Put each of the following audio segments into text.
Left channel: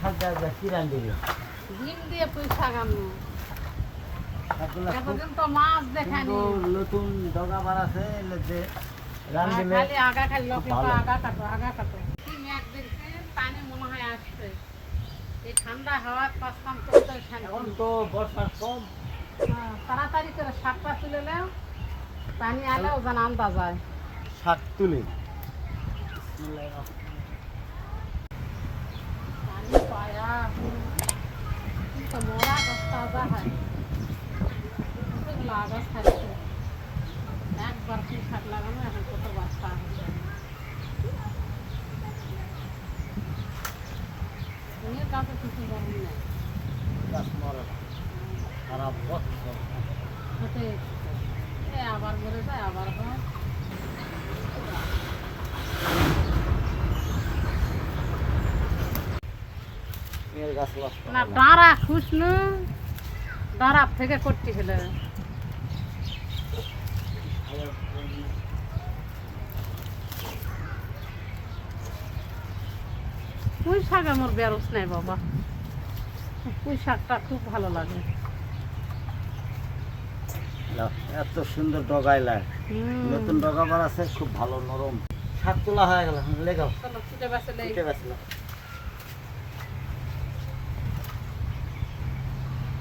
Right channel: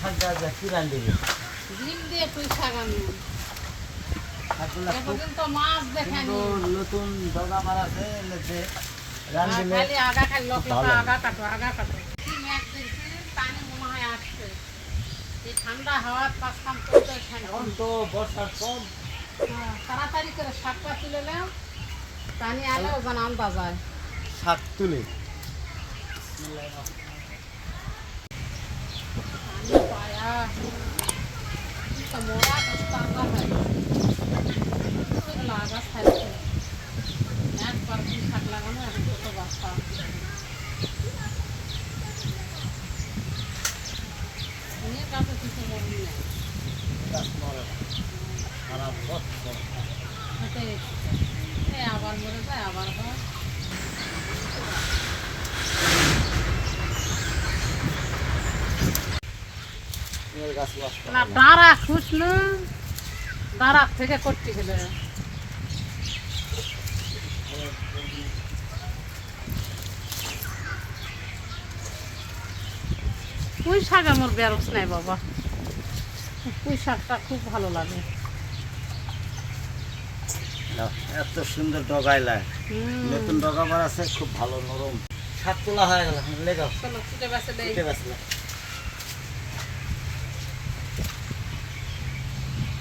শাক কি ডিম দিয়ে দেখানি নতুন ডগা বার আছে আগা লোক আগা কাটো আগা কাটো হয় ঠান্ডা হাওয়া পাঁচখান করতে এখন। তো বর্ষার কম। তাড়াতাড়ি করে শাকটা তুলে নাও। পানি যেন আন্দাজ হয়। শাক তুলি পানি পায়া তো মোড়া গাছ তাজা হয় এগুলো আগাছ থাকছে একবার কি শাক লাগানো এখন কত বাচ্চা এর গাছে কিছু গরম নেই গাছ মরে না সারা বছর হেঁটে এ আবার মরে যায় আবার হয় এর গাছ নষ্ট না দাঁড়া খুঁজলু দাঁড়া থেকে করতে গেলে। পুঁই শাক আমার নাই বাবা। পুঁই শাকটা খুব ভালো লাগে। এত সুন্দর ডগাইলায় হুম। নতুন ডগা বার আছে খুব ভালো নরম। শাক তোলা হয়ে গেল লেগাও চলো বাসে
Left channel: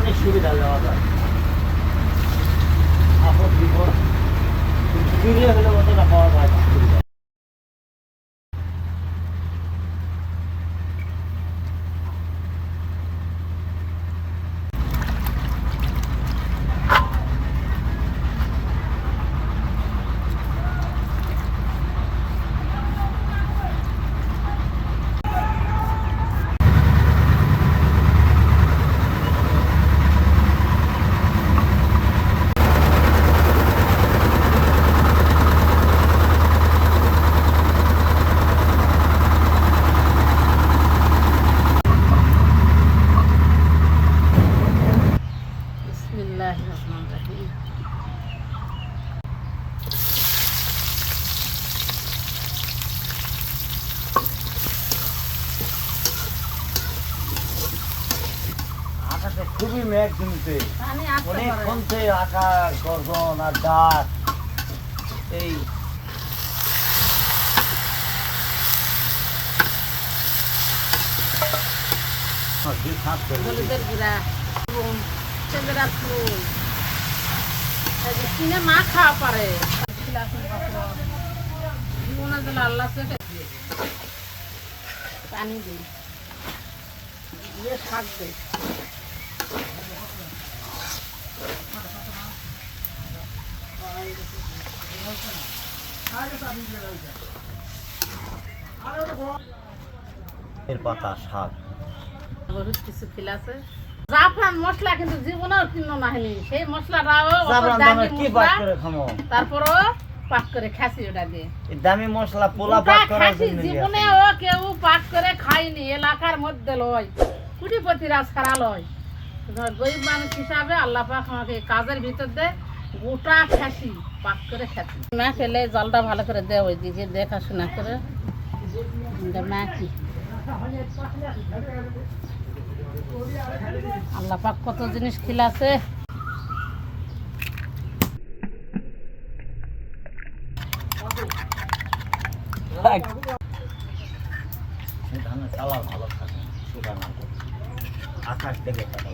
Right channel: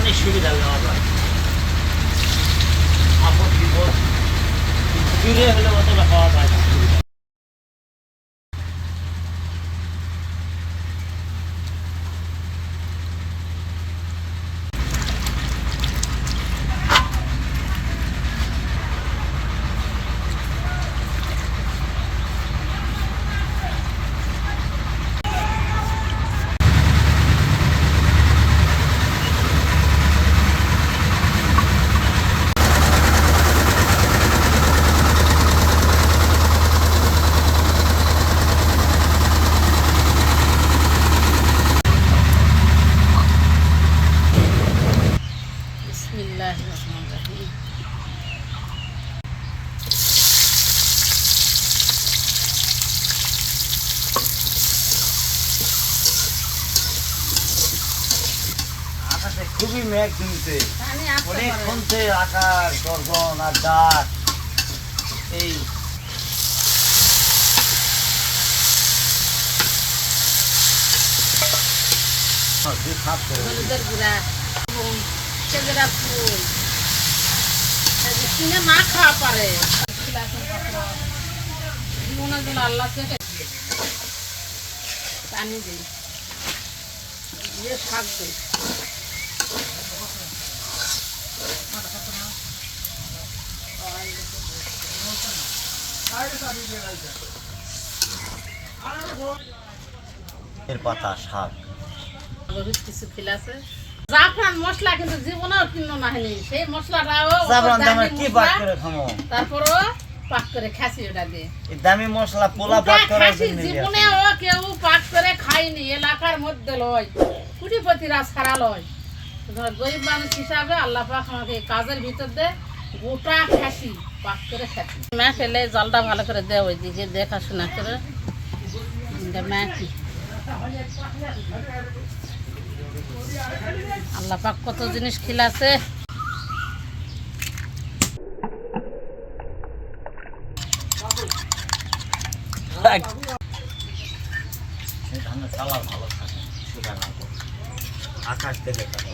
অনেক সুবিধা দেওয়া যায়। আপদ বিপদ দূরে হলে অতটা পাওয়া যায় না সুবিধা। বিসমিল্লাহ রহমান রহিম খুবই মেঘ আসতে অনেক কমছে আকাশ গর্জন আর ডাক এই না খাওয়া পারে। জীবনের জন্য আল্লাহ পানি দিই। দিয়ে শাক দিই। এর পাতা শাক। বহুত কিছু আছে। জাফরান মশলা কিন্তু জীবনেও কিনো না সেই মশলাটাও জাফরান দামি কি করে খামো? তারপরও পাক করে খাসি ওটা দিয়ে। দামি মশলা পোলা পাক করার খাসি জন্য জীবনে কেউ পাক করে খায়নি। এলাকার মধ্যে লয়। কুটিপতিরা ছাড়া লয়। গরিব মানুষ হিসাবে আল্লাহ পাক আমাকে কাজের ভিতর দে। গোটা খাসি পাক করে খাচ্ছি মা ফেলে জলটা ভালো করে দে ওইদিকে দেখাশোনা করে। মা কি? আল্লাহ পাক কত জিনিস খিলাছে। আকাশ থেকে কাটা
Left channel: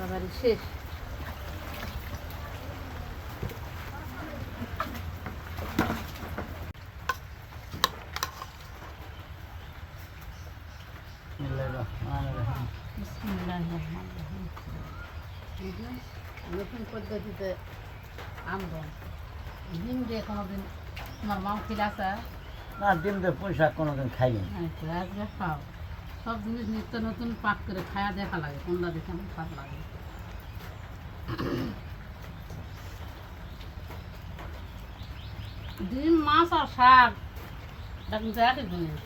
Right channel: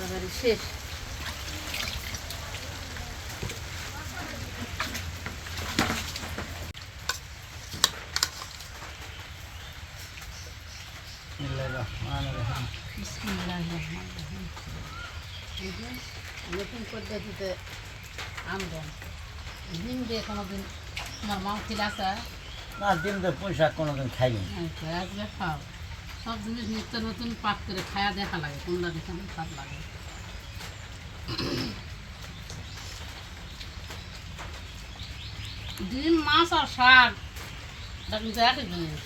বাবারে শেষ বিসমিল্লাহির রহমানির রহিম। বিসমিল্লাহির রহমানির রহিম। এই যে নতুন পদ্ধতিতে আমদান ডিম দিয়ে কোনোদিন তোমার মাও খিল আছে? না ডিম দিয়ে পয়সা কোনোদিন খাইনি। আচ্ছা, আজকে খাও। সব জিনিস নিত্য নতুন পাক করে খায়া দেখা লাগে কোনটা দেখে আমার স্বাদ লাগে। ডিম মাছ আর শাক। এটা কিন্তু একই জিনিস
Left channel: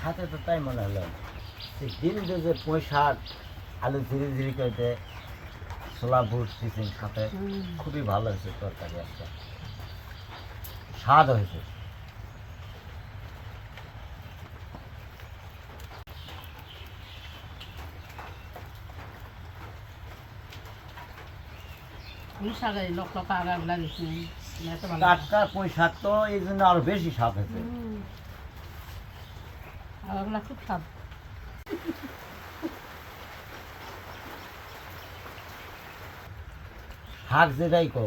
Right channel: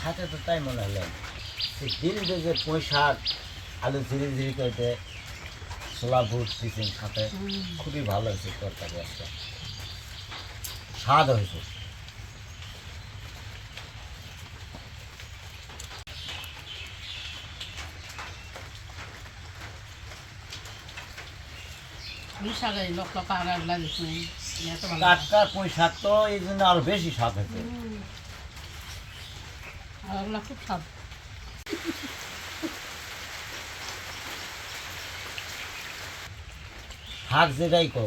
খাতে তো তাই মনে হলো। দিয়ে যে পুঁইশাক আলু ধীরে ধীরে করে ছোলা বুট চিকেন সাথে খুবই ভালো হয়েছে তরকারি একটা স্বাদ হয়েছে। টাটকা পুঁইশাক তো এই জন্য আরও বেশি হয়েছে। খুব শাক যেটাই কো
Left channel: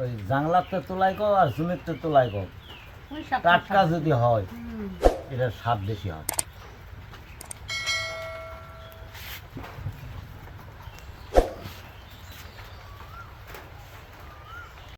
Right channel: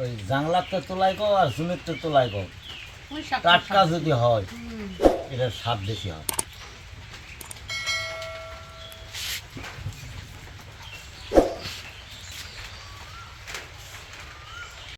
ওই জাংলার তো তোলাই কো আর জমির তো তোলাই কো শাক টাটকা যদি হয় এটা সাপ বেশি হয়।